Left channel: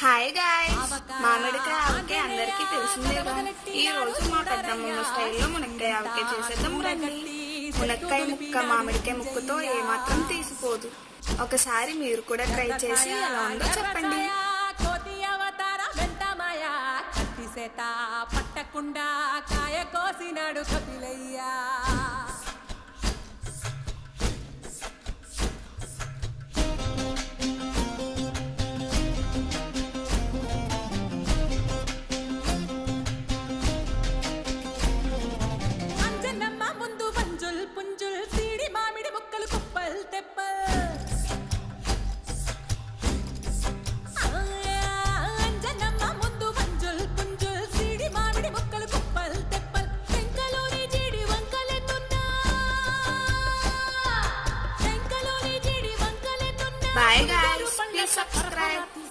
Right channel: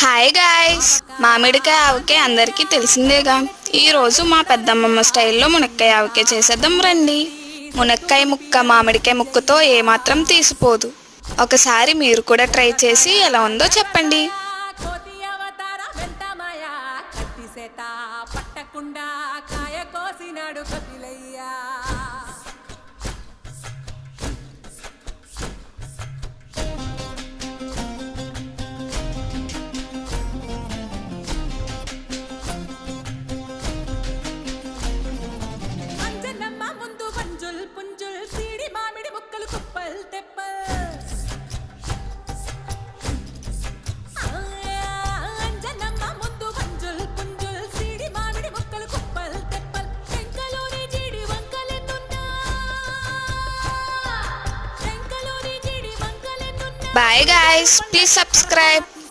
Hi guys మామిడికాయ ఆవకే అందరికీ తెలిసిందేగా. ఈరోజు మా పెద్దమ్మమ్మ స్టైల్లో మునక్కాయ ఆవకే చేసేద్దాం రండి. మునక్కాయ ముక్క మామిడికాయ ముక్కతో ఏమాత్రం తీసిపోదు. ఒకసారి మీరు కూడా ట్రై చేసి ఎలా ఉందో చెప్పండి. పట్టకుండా కాయ కోసినాడు కపిలయ్యా. వంజుల్ పుంజుల్ సీడి మామిడి ముక్కలు కుప్పల్ తెప్పల్. అంజనమ్మ ముందు వంజుల్ పుంజుల్ సీడి మామిడి ముక్కలు కుప్పల్ తెప్పల్. టెంకలోని జీడి వంకలెన్నున్నా. టెంకలోని జీడి వంకలెన్నున్నా. Bye guys please subscribe